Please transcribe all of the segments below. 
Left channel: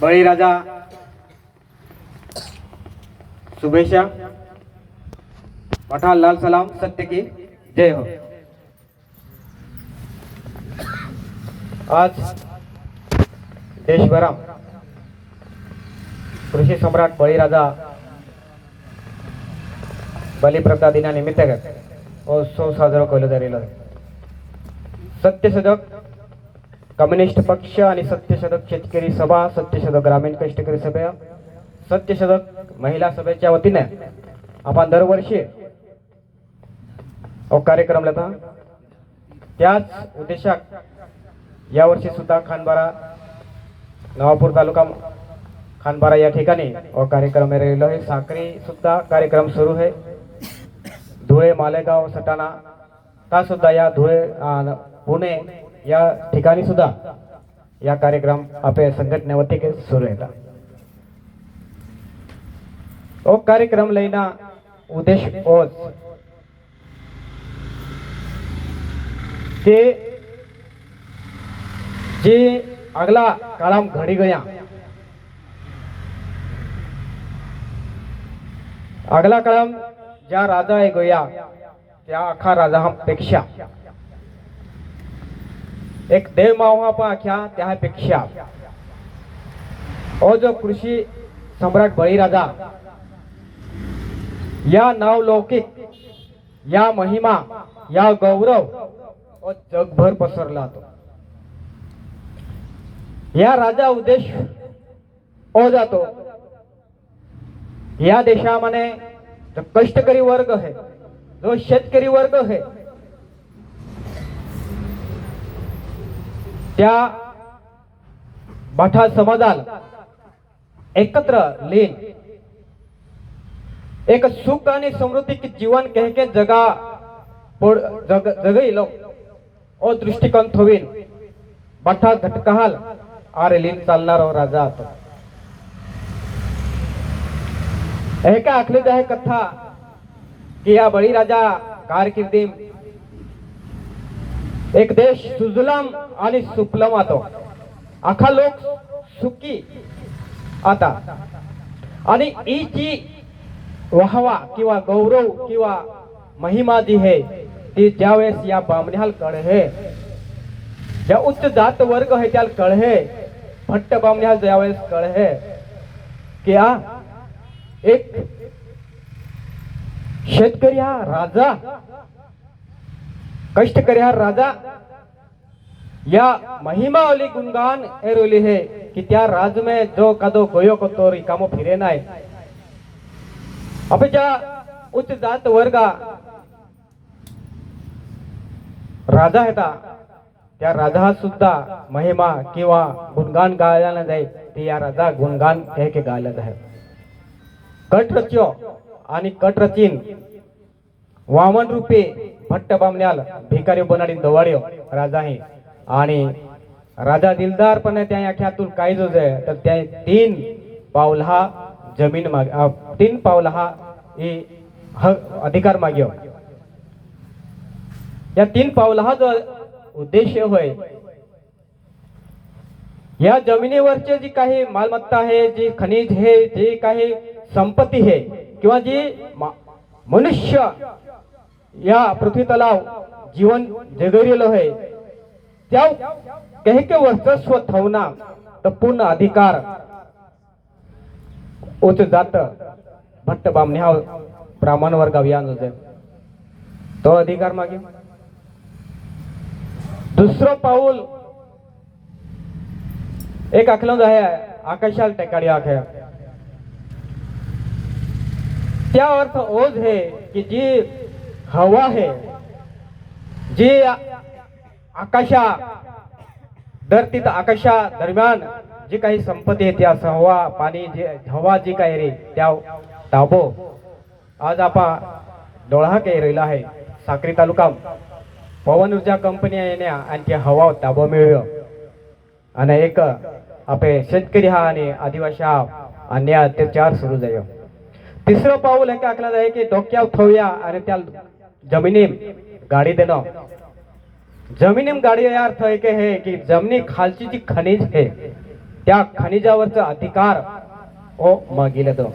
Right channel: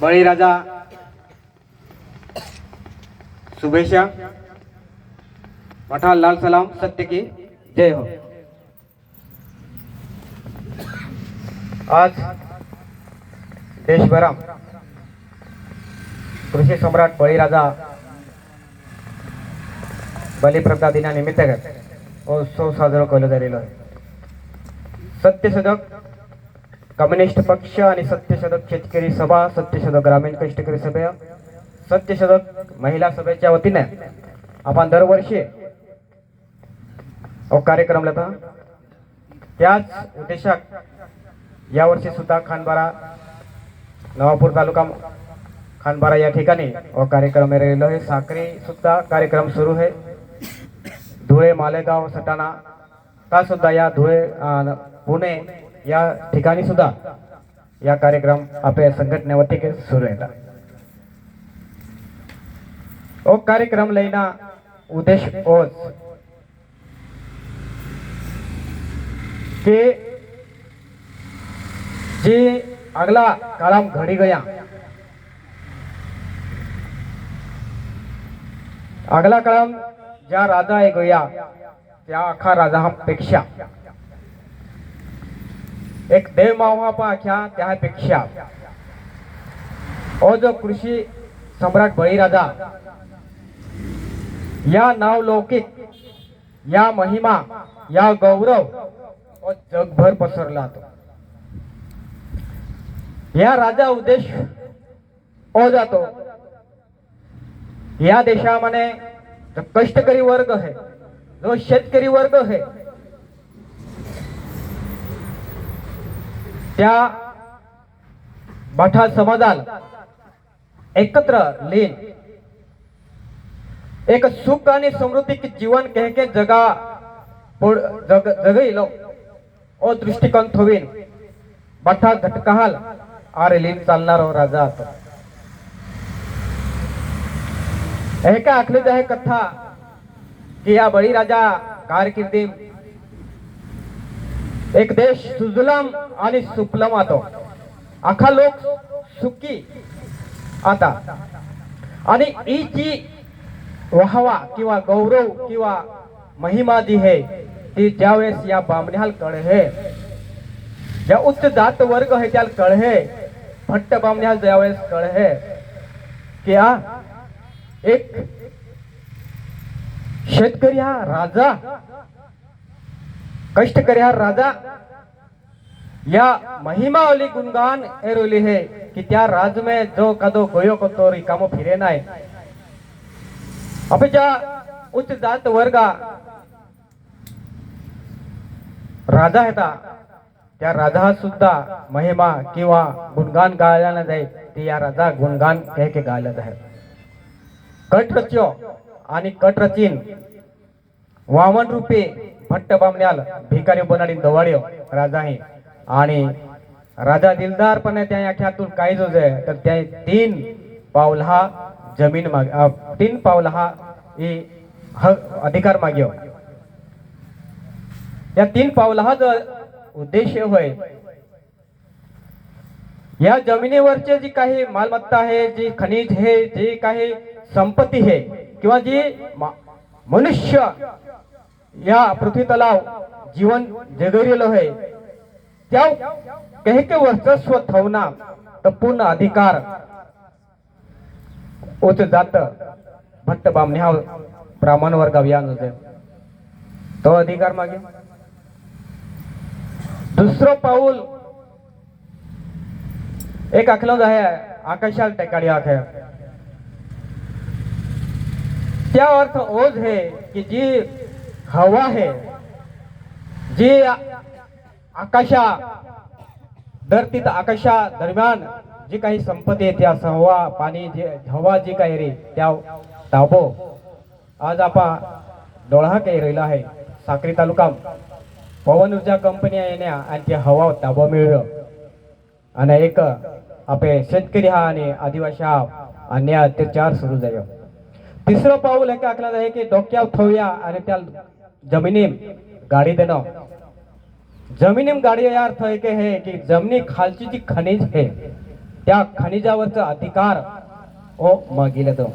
बळीराजा शुभेच्छा. पठाण लाल सलाम सत्य की जय हो. आज देशभरात कृषी सम्राट बळीराजा बलिप्रदा दिनानिमित्त हो उत्सव साजरा केला झालेला आहे. सत्यशोधक कम्युनिस्ट पक्ष आणि सत्यशतक शेतकरी सभा सत्यशतक ग्रामीण कष्टकरी सभा सत्यशतक महिला सभेच्या वतीने आपण दरवर्षी कार्यक्रम लावता त्याच उद्देशात यावर्षी सुद्धा खानबारा नवापूर तालुका खानबारा या ठिकाणी व कार्यक्रम राहिलेलो आहे साखरी सुद्धा कार्यक्रम सुरू आहे धुळे मालेगाव सटाणा का सुद्धा या धुळे पुणे या ठिकाणी सुद्धा या कार्यक्रम आपल्या संघटनेवरती सुरू येतात. ओ कार्यक्रम लैना उदेश ओज ते जे अगला कलाम घडी गया. अगला कलाम ज्या राजा आहे गया त्या आखा राजा पेक्षा. एक देव मावा पाख्या त्यापेक्षा. और जो कृषी सम्राट बळीराजा या नावलौकिक या महिमा या गौरव और जगभर पसरला तो. या राजा उद्देश हो जातो. या देशामध्ये जो कष्टकरी वर्ग है जो शेतकरी वर्ग है त्या मठा समाजाला एकत्र लीन एक सुख आणि समृद्धी जीवन कह के जगा पुढ- जग जगईलो ओ दृष्टिकोन थोवीन मठा घटकाल आरे लीन चालणारा हो राजा आता. हे का आखले आहे कथा? की या बळीराजा कारकिर्दी एक देश सुजलम आणि सुपलम आतो. आखा लोक सुखी आता. आणि ही जी वाहवा किंवा गौरव किंवा महिमा जी है ती ज्यावेळेस या बामण्याल कळहे ज्या उच्च जात वर्ग आहे त्याला कळहे भट्ट बामण्याल ज्यावेळेस कळहे की हा एक शेतकरी हा राजा कष्टकरी हा राजा. या महिमावली गुणगान एरोली है कि त्या राज में जो कदो गोयो को तो रिकामो फिरे नाय. अपेक्षा उच्च जात वर्गा राजा हेता त्या राजा सुद्धा महिमा किंवा गुणगान गायला ना जाय ते या राजा गुणगान कह के गायला जाय. कट रच्यो आणि कट रचीन वामन रूपे भट्ट बामण्याल भिकारी बनाडी दवाड्य राजा आहे. आणि राजा दिलदारपणे त्या आख्यातून काय जो जाय. तर त्या तीन पाऊल हा जमीन माग तीन पाऊल हा हे अधिकार माग्यो या तीन पाऊल हा जो उद्देश होय या जमिनीवरचे जी काही मालमत्ता आहे जी खनिज हे जी काही संपत्ती आहे किंवा जी मनुष्य या पृथ्वी तलाव जीवन जगरिलो है। त्या कहे के वर्चस्व थवना तर पूर्ण अधिकार। उच जात भट्ट बामण्या ब्राह्मण वर्ग अभियान होते। तो अधिकार मागे। दुसरं पाऊल एक आखलं आहे आकाशाल टेकाडी आख त्या अर्थ ओझ है की जी हवा है जी आकाशा धरती आकाशा दरम्यान जी काही संपत्ती आहे त्या हवा पाणी जे हवा जी काही रे त्या ताबो आज आपा डोळा काही राहिला आहे. साक्री तालुका पवन ऊर्जा कंपनी येण्या आणि ते हवा ताबो मिळव आणि एक आपले शेतकरी हा आणि आदिवासी हा अन्याय अत्याचार सुरू जायो तिसरं पाऊल हे आखला जाय की डोक्यावर ठेवूया आणि त्या जमिनीम गाडी देणं. जमिनीम गाडी या अर्थ आहे की की जमिनी खालची जी खनिज आहे त्या खनिजावरचा अधिकार ओ मागिल तो.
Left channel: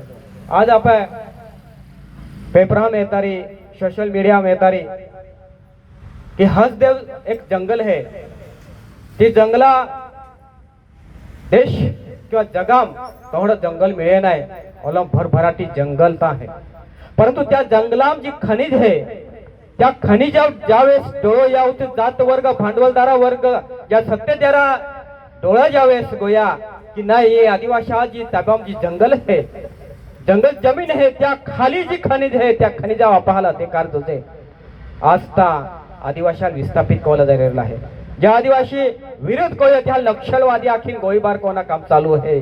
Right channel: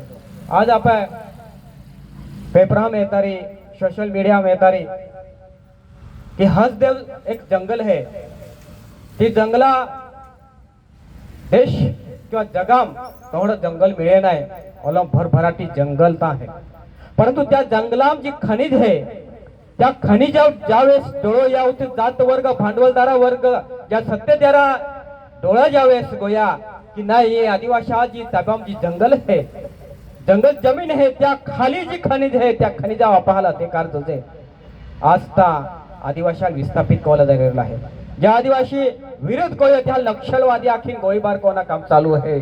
आज आपण पेपरा येतारी सोशल मीडिया येतारी की हसदेव एक जंगल है ती जंगला देश किंवा जगाम तेवढं जंगल मिळे नाही. मला भरभराटी जंगल तर आहे. परंतु त्या जंगलाम जी खनिज आहे त्या खनिजा ज्यावेळेस डोळो यावत जात वर्ग भांडवलदारा वर्ग ज्या सत्तेदारा डोळा ज्यावेळेस गोया की नाही हे आदिवासी जी जी जंगल आहे. जंगल जमीन आहे त्या खाली जी खनिज आहे त्या खनिजा वापरायला ते कार तुझे. आज त्या आदिवासी विस्थापित कोला झालेला आहे. ज्या आदिवासी विरोध कोया त्या नक्षलवादी आखीन गोळीबार कोणा काम चालू आहे?